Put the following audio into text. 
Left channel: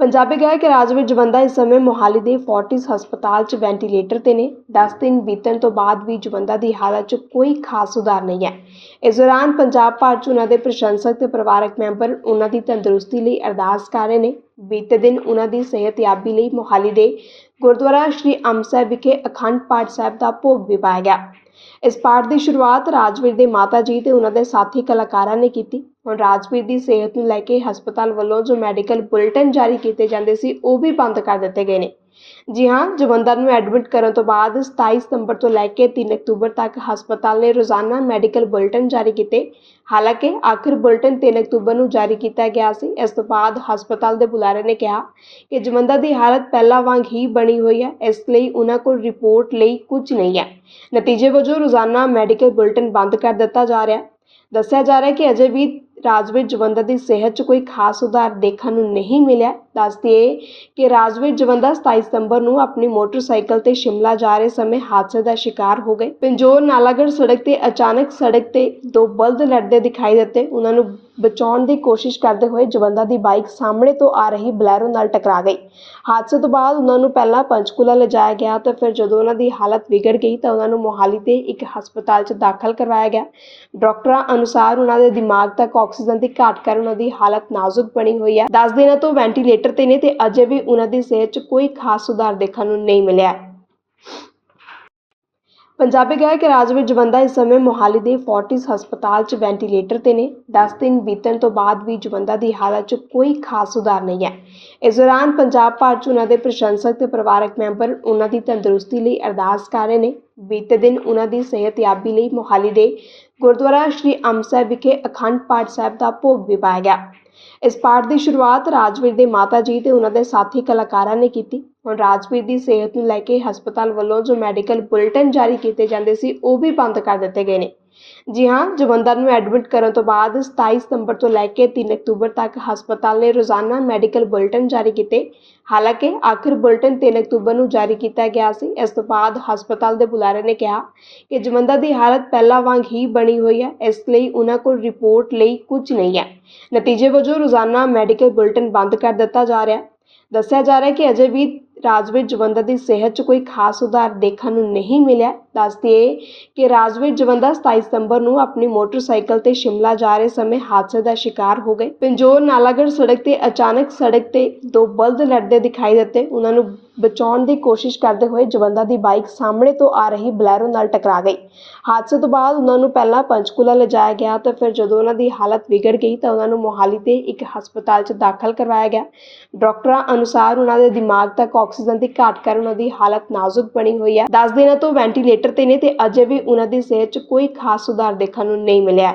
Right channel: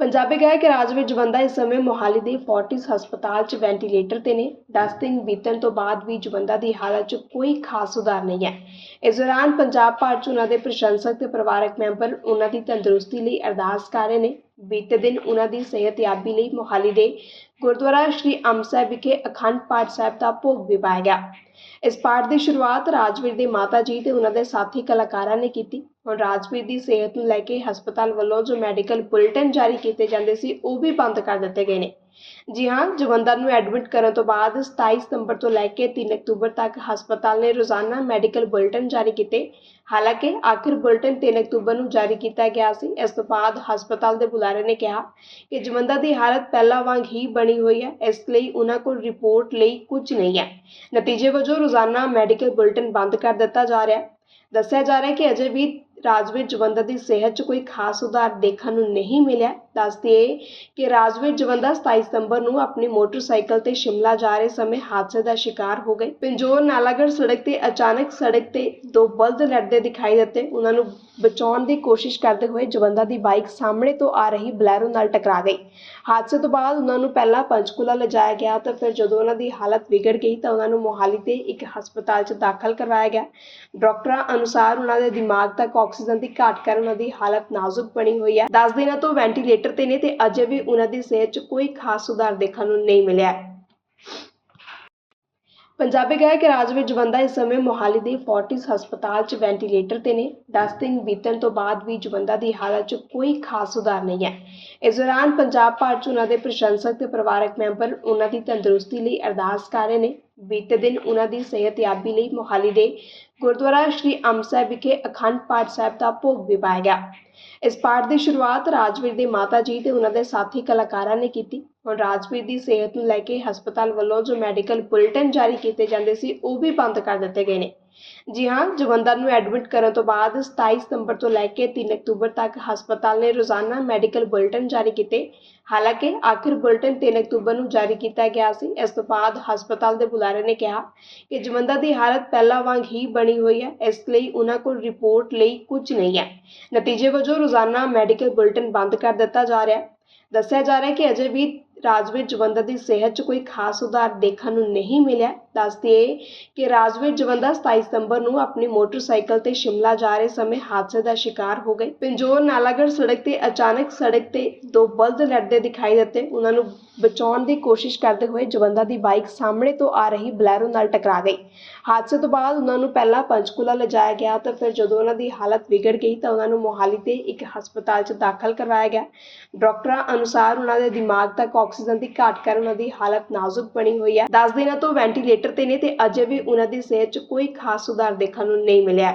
ਪੰਜਾਬੀ ਗਾਇਕ ਰਾਜਵੀਰ ਜਵੰਦਾ ਇਸ ਸਮੇਂ ਮੋਹਾਲੀ ਦੇ ਫੋਰਟਿਸ ਹਸਪਤਾਲ 'ਚ ਵੈਂਟੀਲੇਟਰ ਤੇ ਨੇ। 10 ਦਿਨ ਬੀਤਣ ਤੋਂ ਬਾਅਦ ਵੀ ਜਵੰਦਾ ਦੀ ਹਾਲਤ 'ਚ ਕੋਈ ਖਾਸ ਸੁਧਾਰ ਨਹੀਂ ਹੈ। ਇਸ ਦੌਰਾਨ ਪੰਜਾਬ ਭਰ 'ਚ ਉਹਨਾਂ ਦੇ ਪ੍ਰਸ਼ੰਸਕ ਤੇ ਪਰਿਵਾਰਕ ਮੈਂਬਰ ਉਹਨਾਂ ਦੀ ਤੰਦਰੁਸਤੀ ਲਈ ਅਰਦਾਸ ਕਰ ਰਹੇ ਨੇ। ਬੀਤੇ ਦਿਨ ਉਹਨਾਂ ਦੀ ਸਿਹਤਯਾਬੀ ਲਈ ਮੋਹਾਲੀ ਦੇ ਗੁਰਦੁਆਰਾ ਸ਼੍ਰੀ ਅੰਬ ਸਾਹਿਬ ਵਿਖੇ ਅਖੰਡ ਪਾਠ ਸਾਹਿਬ ਦਾ ਭੋਗ ਵੀ ਪਾਇਆ ਗਿਆ। ਇਸ ਪਾਠ ਦੀ ਸ਼ੁਰੂਆਤ ਰਾਜਵੀਰ ਦੇ ਮਾਤਾ ਜੀ ਤੇ ਉਹਨਾਂ ਦੇ ਸਾਥੀ ਕਲਾਕਾਰਾਂ ਨੇ ਕੀਤੀ। ਹੁਣ ਰਾਜਵੀਰ ਦੀ ਸਿਹਤ ਨੂੰ ਲੈ ਕੇ ਹਸਪਤਾਲ ਵੱਲੋਂ ਜੋ ਮੈਡੀਕਲ ਬੁਲੇਟਿਨ ਜਾਰੀ ਕੀਤੇ ਜਾਂਦੇ ਸੀ, ਉਹ ਵੀ ਬੰਦ ਕਰ ਦਿੱਤੇ ਗਏ ਨੇ। ਜੀ ਹਾਂ ਜਵੰਦਰ ਨੂੰ ਐਡਮਿਟ ਕਰਨ ਤੋਂ ਬਾਅਦ 27 ਸਤੰਬਰ ਤੋਂ ਲੈ ਕੇ 3 ਅਕਤੂਬਰ ਤੱਕ ਹਸਪਤਾਲ ਨੇ ਰੋਜ਼ਾਨਾ ਮੈਡੀਕਲ ਬੁਲੇਟਿਨ ਜਾਰੀ ਕੀਤੇ। ਹਾਲਾਂਕਿ ਆਖਰ ਬੁਲੇਟਿਨ 3 ਅਕਤੂਬਰ ਨੂੰ ਜਾਰੀ ਕੀਤਾ ਗਿਆ ਸੀ। ਇਸ ਤੋਂ ਬਾਅਦ ਹਸਪਤਾਲ ਦੇ ਬੁਲਾਰੇ ਨੇ ਕਿਹਾ ਕਿ ਜਵੰਦਰ ਦੀ ਹਾਲਤ ਪਹਿਲਾਂ ਵਾਂਗ ਹੀ ਬਣੀ ਹੋਈ ਹੈ। ਇਸ ਲਈ ਉਹਨਾਂ ਕੋਲ ਰਿਪੋਰਟ ਲਈ ਕੁਝ ਨਹੀਂ ਹੈ। ਨਤੀਜੇ ਵਜੋਂ ਰੋਜ਼ਾਨਾ ਮੈਡੀਕਲ ਬੁਲੇਟਿਨ ਬੰਦ ਕਰ ਦਿੱਤਾ ਜਾ ਰਿਹਾ ਹੈ। ਦੱਸਿਆ ਜਾ ਰਿਹਾ ਹੈ ਕਿ ਅਜੇ ਵੀ ਰਾਜ ਵਿੱਚ ਜਵੰਦਾ ਦੀ ਸਿਹਤ 'ਚ ਕੋਈ ਖਾਸ ਸੁਧਾਰ ਦੇਖਣ ਨੂੰ ਨਹੀਂ ਮਿਲਿਆ। ਦੱਸ ਦਈਏ ਕਿ ਰਾਜਵੀਰ ਜਵੰਦਾ 27 ਸਤੰਬਰ ਨੂੰ ਆਪਣੀ ਮੋਟਰਸਾਈਕਲ ਤੇ ਸ਼ਿਮਲਾ ਜਾ ਰਹੇ ਸਮੇਂ ਹਾਦਸੇ ਦਾ ਸ਼ਿਕਾਰ ਹੋ ਗਏ। ਪਿੰਜੋਰ ਨਾਲਾਗੜ੍ਹ ਸੜਕ ਤੇ ਅਚਾਨਕ ਸੜਕ ਤੇ ਦੋ ਬਲਦ ਲੜਦੇ ਦਿਖਾਈ ਦਿੱਤੇ। ਉਹਨਾਂ ਨੂੰ ਬਚਾਉਣ ਦੀ ਕੋਸ਼ਿਸ਼ ਕਰਦੇ ਹੋਏ ਜਵੰਦਾ ਦੀ ਬਾਈਕ ਸਾਹਮਣੇ ਤੋਂ ਆ ਰਹੀ ਬਲੈਰੋ ਨਾਲ ਟਕਰਾ ਗਈ। ਹਾਦਸੇ ਤੋਂ ਬਾਅਦ ਉਹਨਾਂ ਨੂੰ ਪਹਿਲਾਂ ਪੰਚਕੂਲਾ ਲਿਜਾਇਆ ਗਿਆ ਤੇ ਫਿਰ ਜਦੋਂ ਉਹਨਾਂ ਦੀ ਹਾਲਤ ਵਿਗੜ ਗਈ ਤਾਂ ਉਹਨਾਂ ਨੂੰ ਮੋਹਾਲੀ ਤੇ ਇੱਕ ਹਸਪਤਾਲ 'ਚ ਦਾਖਲ ਕਰਵਾਇਆ ਗਿਆ। ਡਾਕਟਰਾਂ ਅਨੁਸਾਰ ਉਹਨਾਂ ਦੇ ਦਿਮਾਗ ਤੱਕ ਆਕਸੀਜਨ ਦੀ ਘਾਟ ਕਾਰਨ ਉਹਨਾਂ ਦੀ ਹਾਲਤ ਨਾਜ਼ੁਕ ਬਣੀ ਹੋਈ ਹੈ। 10 ਦਿਨਾਂ ਤੋਂ ਵੈਂਟੀਲੇਟਰ ਤੇ ਨੇ ਤੇ ਅਜੇ ਵੀ ਉਹਨਾਂ ਦੀ ਸਿਹਤ 'ਚ ਕੋਈ ਖਾਸ ਸੁਧਾਰ ਦੇਖਣ ਨੂੰ ਨਹੀਂ ਮਿਲਿਆ। ਪੰਜਾਬੀ ਗਾਇਕ ਰਾਜਵੀਰ ਜਵੰਦਾ ਇਸ ਸਮੇਂ ਮੋਹਾਲੀ ਦੇ ਫੋਰਟਿਸ ਹਸਪਤਾਲ 'ਚ ਵੈਂਟੀਲੇਟਰ ਤੇ ਨੇ। 10 ਦਿਨ ਬੀਤਣ ਤੋਂ ਬਾਅਦ ਵੀ ਜਵੰਦਾ ਦੀ ਹਾਲਤ 'ਚ ਕੋਈ ਖਾਸ ਸੁਧਾਰ ਨਹੀਂ ਹੈ। ਇਸ ਦੌਰਾਨ ਪੰਜਾਬ ਭਰ 'ਚ ਉਹਨਾਂ ਦੇ ਪ੍ਰਸ਼ੰਸਕ ਤੇ ਪਰਿਵਾਰਕ ਮੈਂਬਰ ਉਹਨਾਂ ਦੀ ਤੰਦਰੁਸਤੀ ਲਈ ਅਰਦਾਸ ਕਰ ਰਹੇ ਨੇ। ਬੀਤੇ ਦਿਨ ਉਹਨਾਂ ਦੀ ਸਿਹਤਯਾਬੀ ਲਈ ਮੋਹਾਲੀ ਦੇ ਗੁਰਦੁਆਰਾ ਸ਼੍ਰੀ ਅੰਬ ਸਾਹਿਬ ਵਿਖੇ ਅਖੰਡ ਪਾਠ ਸਾਹਿਬ ਦਾ ਭੋਗ ਵੀ ਪਾਇਆ ਗਿਆ। ਇਸ ਪਾਠ ਦੀ ਸ਼ੁਰੂਆਤ ਰਾਜਵੀਰ ਦੇ ਮਾਤਾ ਜੀ ਤੇ ਉਹਨਾਂ ਦੇ ਸਾਥੀ ਕਲਾਕਾਰਾਂ ਨੇ ਕੀਤੀ। ਹੁਣ ਰਾਜਵੀਰ ਦੀ ਸਿਹਤ ਨੂੰ ਲੈ ਕੇ ਹਸਪਤਾਲ ਵੱਲੋਂ ਜੋ ਮੈਡੀਕਲ ਬੁਲੇਟਿਨ ਜਾਰੀ ਕੀਤੇ ਜਾਂਦੇ ਸੀ, ਉਹ ਵੀ ਬੰਦ ਕਰ ਦਿੱਤੇ ਗਏ ਨੇ। ਜੀ ਹਾਂ, ਜਵੰਦਰ ਨੂੰ ਐਡਮਿਟ ਕਰਨ ਤੋਂ ਬਾਅਦ 27 ਸਤੰਬਰ ਤੋਂ ਲੈ ਕੇ 3 ਅਕਤੂਬਰ ਤੱਕ ਹਸਪਤਾਲ ਨੇ ਰੋਜ਼ਾਨਾ ਮੈਡੀਕਲ ਬੁਲੇਟਿਨ ਜਾਰੀ ਕੀਤੇ। ਹਾਲਾਂਕਿ, ਆਖਰ ਬੁਲੇਟਿਨ 3 ਅਕਤੂਬਰ ਨੂੰ ਜਾਰੀ ਕੀਤਾ ਗਿਆ ਸੀ। ਇਸ ਤੋਂ ਬਾਅਦ ਹਸਪਤਾਲ ਦੇ ਬੁਲਾਰੇ ਨੇ ਕਿਹਾ ਕਿ ਜਵੰਦਰ ਦੀ ਹਾਲਤ ਪਹਿਲਾਂ ਵਾਂਗ ਹੀ ਬਣੀ ਹੋਈ ਹੈ, ਇਸ ਲਈ ਉਹਨਾਂ ਕੋਲ ਰਿਪੋਰਟ ਲਈ ਕੁਝ ਨਹੀਂ ਹੈ। ਨਤੀਜੇ ਵਜੋਂ ਰੋਜ਼ਾਨਾ ਮੈਡੀਕਲ ਬੁਲੇਟਿਨ ਬੰਦ ਕਰ ਦਿੱਤਾ ਜਾ ਰਿਹਾ ਹੈ। ਦੱਸਿਆ ਜਾ ਰਿਹਾ ਹੈ ਕਿ ਅਜੇ ਵੀ ਰਾਜ ਵਿੱਚ ਜਵੰਦਾ ਦੀ ਸਿਹਤ 'ਚ ਕੋਈ ਖਾਸ ਸੁਧਾਰ ਦੇਖਣ ਨੂੰ ਨਹੀਂ ਮਿਲਿਆ। ਦੱਸ ਦਈਏ ਕਿ ਰਾਜਵੀਰ ਜਵੰਦਾ 27 ਸਤੰਬਰ ਨੂੰ ਆਪਣੀ ਮੋਟਰਸਾਈਕਲ ਤੇ ਸ਼ਿਮਲਾ ਜਾ ਰਹੇ ਸਮੇਂ ਹਾਦਸੇ ਦਾ ਸ਼ਿਕਾਰ ਹੋ ਗਏ। ਪਿੰਜੋਰ ਨਾਲਾਗੜ੍ਹ ਸੜਕ ਤੇ ਅਚਾਨਕ ਸੜਕ ਤੇ ਦੋ ਬਲਦ ਲੜਦੇ ਦਿਖਾਈ ਦਿੱਤੇ। ਉਹਨਾਂ ਨੂੰ ਬਚਾਉਣ ਦੀ ਕੋਸ਼ਿਸ਼ ਕਰਦੇ ਹੋਏ ਜਵੰਦਾ ਦੀ ਬਾਈਕ ਸਾਹਮਣੇ ਤੋਂ ਆ ਰਹੀ ਬਲੈਰੋ ਨਾਲ ਟਕਰਾ ਗਈ। ਹਾਦਸੇ ਤੋਂ ਬਾਅਦ ਉਹਨਾਂ ਨੂੰ ਪਹਿਲਾਂ ਪੰਚਕੂਲਾ ਲਿਜਾਇਆ ਗਿਆ ਤੇ ਫਿਰ ਜਦੋਂ ਉਹਨਾਂ ਦੀ ਹਾਲਤ ਵਿਗੜ ਗਈ ਤਾਂ ਉਹਨਾਂ ਨੂੰ ਮੋਹਾਲੀ ਦੇ ਇੱਕ ਹਸਪਤਾਲ 'ਚ ਦਾਖਲ ਕਰਵਾਇਆ ਗਿਆ। ਡਾਕਟਰਾਂ ਅਨੁਸਾਰ ਉਹਨਾਂ ਦੇ ਦਿਮਾਗ ਤੱਕ ਆਕਸੀਜਨ ਦੀ ਘਾਟ ਕਾਰਨ ਉਹਨਾਂ ਦੀ ਹਾਲਤ ਨਾਜ਼ੁਕ ਬਣੀ ਹੋਈ ਹੈ। 10 ਦਿਨਾਂ ਤੋਂ ਵੈਂਟੀਲੇਟਰ ਤੇ ਨੇ ਤੇ ਅਜੇ ਵੀ ਉਹਨਾਂ ਦੀ ਸਿਹਤ 'ਚ ਕੋਈ ਖਾਸ ਸੁਧਾਰ ਦੇਖਣ ਨੂੰ ਨਹੀਂ ਮਿਲਿਆ।